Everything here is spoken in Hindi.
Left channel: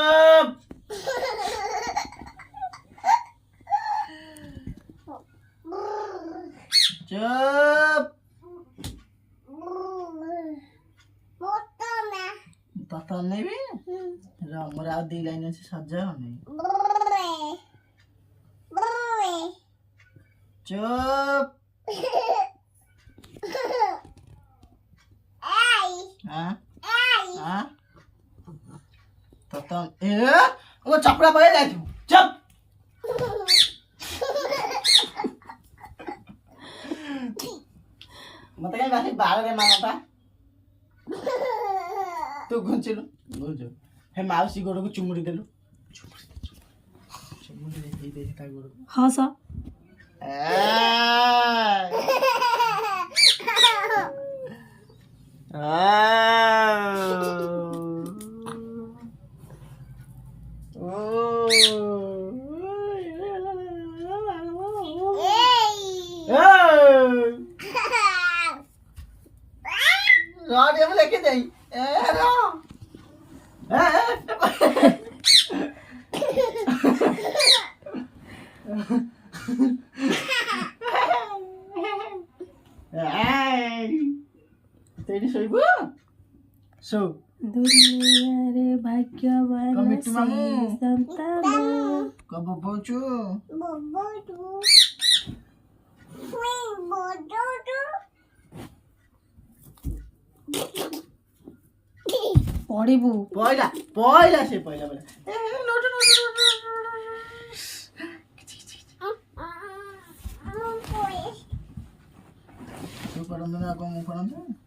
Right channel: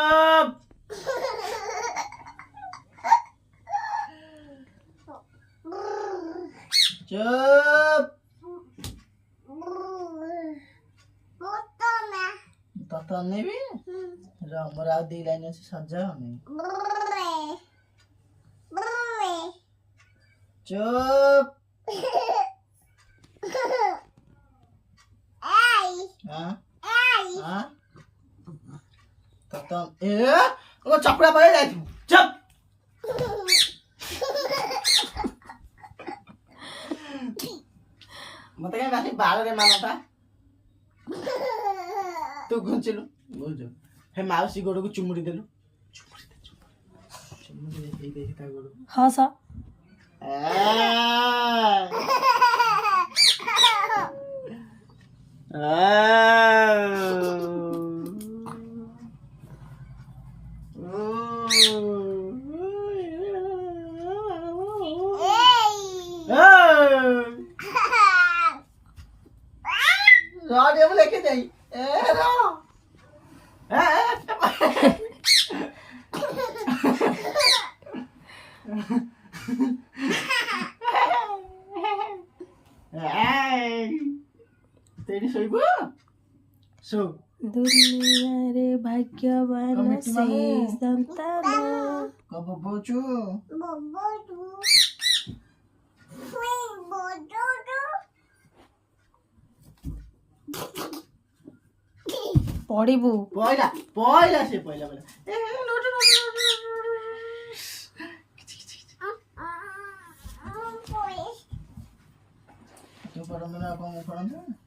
चुप चुप तता नहीं भी हमरा दी लाइन से सजा नहीं चुप हाँ हाँ तता वो चपड़ा पड़े जाए तू चुप मत क्या बात बाहर रे माना था तू घुंचिलु बुझ हे माउसी गोड़ को चुमुड़ी देलु चुमुड़ी दे ता गोड़ हां सा राडियो में लेके जाई तेरी सोईबो सो दुनिया रे भाग्यवान से संतान कब पहुंचू पढ़िबू पहला पहला से पहला पहला तू पढ़ो मैं आपको पढ़ाऊं